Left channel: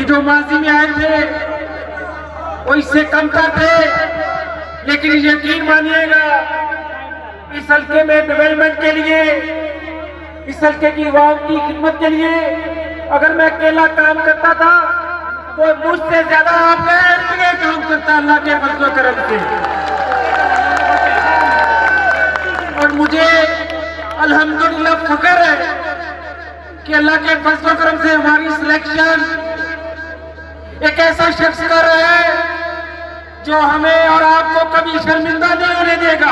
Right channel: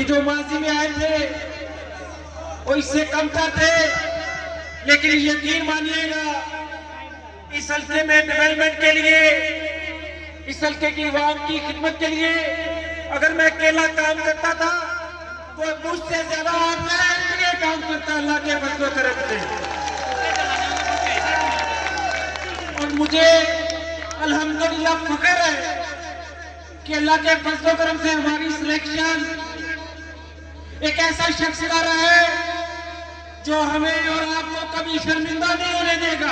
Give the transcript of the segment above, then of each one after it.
कि जो माजी में आए थे वो इससे कम थे, लेकिन यकीन मानिएगा इस हल्के में डेवलपमेंट के लिए, इस हल्के की आवाम की खिदमत के लिए अगर मैं अकेला काम करता था तो मुझसे ज्यादा आपका एमपीए काम करता अल्लाह के फजल करम से। और मुझे अल्हम्दुलिल्लाह फख्र है कि अल्लाह के फजल करम से हमारी सिलेक्शन एक ऐसा शख्स कर रहा है जो हमें और आपको कभी शर्मिंदा नहीं होने देगा,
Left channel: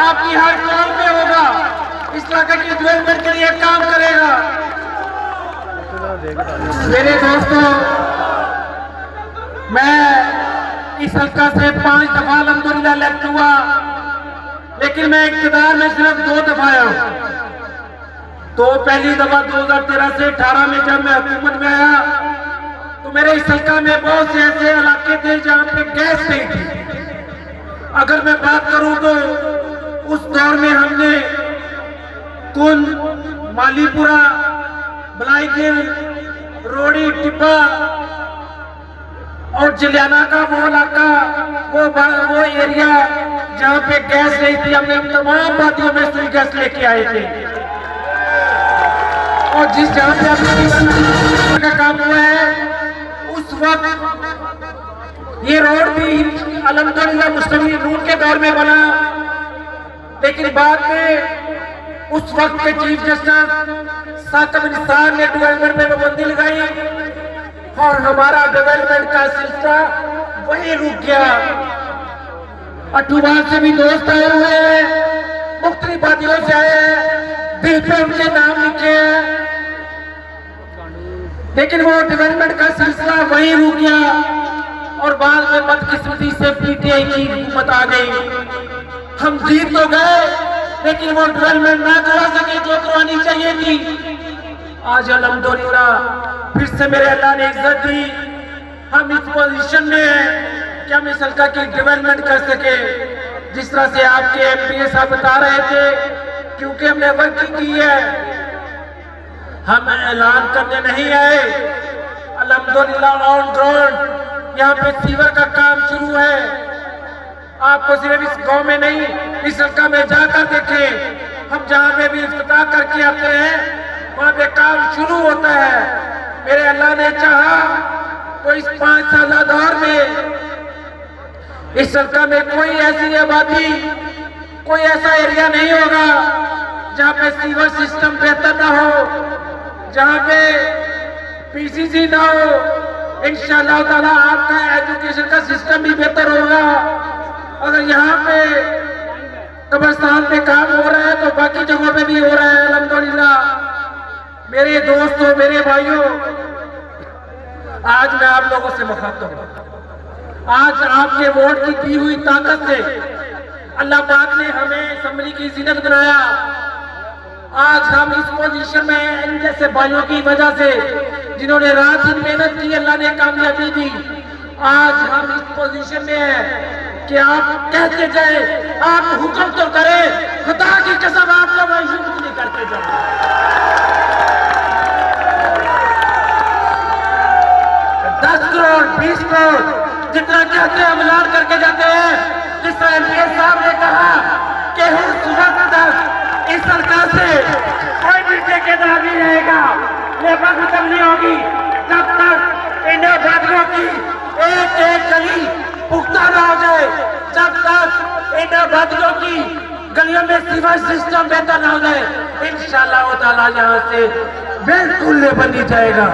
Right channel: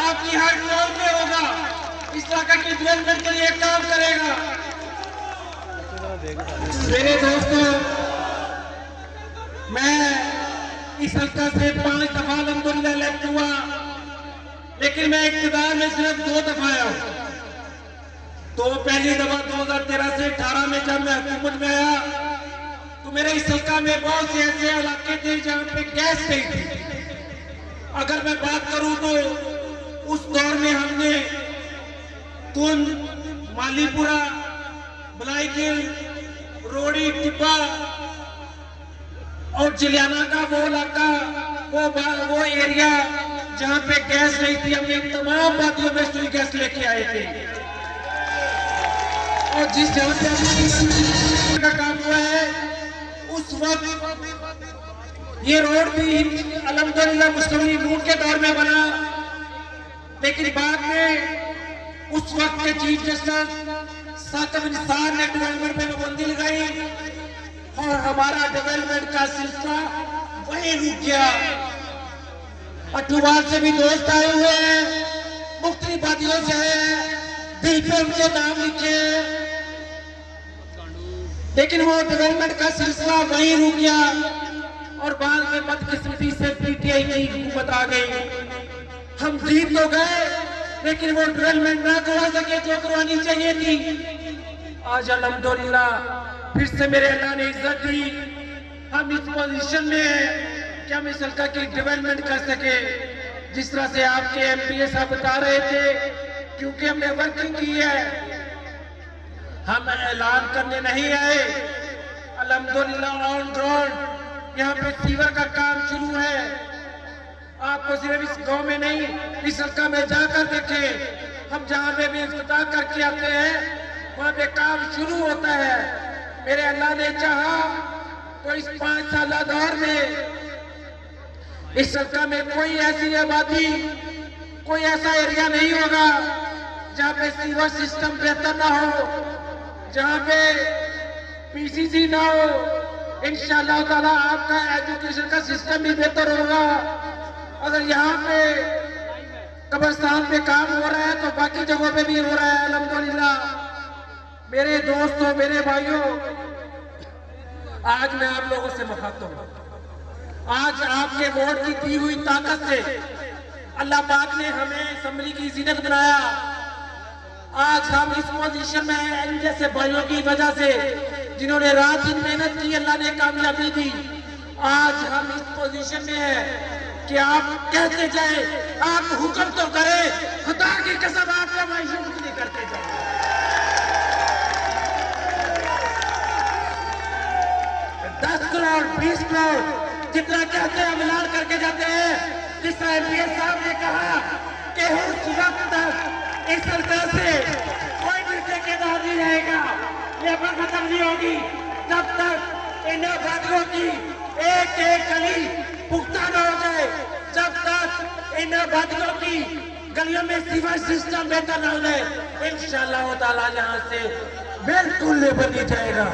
आपकी हर काम में होगा, इस इलाके की डेवलपमेंट के लिए काम करेगा। मेरे दोस्तों, मैं इस हल्का से 5 दफा अल्हम्दुलिल्लाह इलेक्ट हुआ, लेकिन मैं इक़्तिदार में सिर्फ 2 दफा आया हूं। तो पहली दफा 2013 से 18 में जब मैं हुकूमत में आया तो मेरे इस हल्का में बहुत से ऐसे इलाके थे जहां पे गैस नहीं थी। अगर मैं बात करूं तो उस दौर में हमने कुंद, मालीपुरा, बलाईगिल, रोड़ी, टिब्बा और जलियाना का वो इलाका, वो एरिया जहां पे गैस नहीं थी, हमने तमाम वादियों में से गैस लेके आए थे। और जिस जहां पे अपना का काम हुआ है उस वक्त ये रोड भी अल्हम्दुलिल्लाह मुस्लिम लीग के दौर में बना, लेकिन बाद में उस वक्त के चीफ जस्टिस साकिब निसार ने डेवलपमेंट में पाबंदी लगाई और हमारा डेवलपमेंट का सिलसिला वही रुक गया। अठूवाल से भी दोस्त आए हुए हैं, मुख्तलिफ वादियों से आए हैं, बिल पे उनके नाम लिखे हैं, लेकिन वो डेवलपमेंट का सिलसिला वहीं रुक गया और बाद में बदकिस्मती से पीटीआई की हुकूमत आ गई। हम जीत तो गए लेकिन वो डेवलपमेंट ना करा सके जो करवानी चाहिए थी। आज अल्हम्दुलिल्लाह फिर से मेरे अल्लाह ने इज्जत दी, हम इस पोजीशन में हैं कि हम इस हल्का की डेवलपमेंट कर सके। जिस तरह से आपके एमपीए साहब बता रहे थे, क्योंकि हमने वर्किंग की है, हम ऐलान करने नहीं आए। अल्हम्दुलिल्लाह ऑन ग्राउंड यहाँ पे सीवर का काम शुरू है। आपको सिर्फ इस गांव में नहीं, इस हल्का में जाकर देखें, हम जहाँ पे भी इफ्तिताह करके आते हैं वहाँ पे काम शुरू होता है। मेरे अल्लाह ने चाहा तो इस 5 साल दौर में इस हल्का में कोई ऐसी आबादी, कोई ऐसा एरिया नहीं होगा जहाँ पे सीवर सिस्टम बेहतर ना हो, जहाँ पे पीसीसी ना हो। इंशाअल्लाह ताला आपका एजुकेशन का सिस्टम भी बेहतर होगा। अगर यहाँ पे कब्रिस्तान पे काम हो रहा है तो बाकी जगहों पे भी हो रहा है अल्हम्दुलिल्लाह। मेरे दोस्तों, मेरे भाइयों, आज मैं आप लोगों से मुखातिब हूं। आज आपके वोट की दी हुई ताकत से अल्लाह पाक ने हमें असेंबली की जिन्नत बनाया। आज हम इस पोजीशन में हैं इन जैसे भाइयों की वजह से, जिन्होंने रात दिन मेहनत की, अल्लाह ने कामयाबी दी। आज हम इस पोजीशन में हैं कि आप कहते जाए, आप हुक्म तो करें, खुदा की कसम आप लोग शुक्र नहीं करते जाए। 10 करोड़ 20 करोड़ जितना कहते हैं हम ऐलान करके जाते हैं। जिस तरह एमपीए साहब ने कहा कि उस वक्त तक इस सरकार से कोई भी ठेकेदार नहीं रहेगा, लेबर खत्म नहीं होगी जब तक इन वादियों की एक एक गली पुख्ता ना हो जाए, जब तक इन वादियों की गलियों में सीवर सिस्टम बेहतर ना हो जाए। इंशाअल्लाह ताला यहाँ से बिल्कुल लेबर नहीं जाएगा।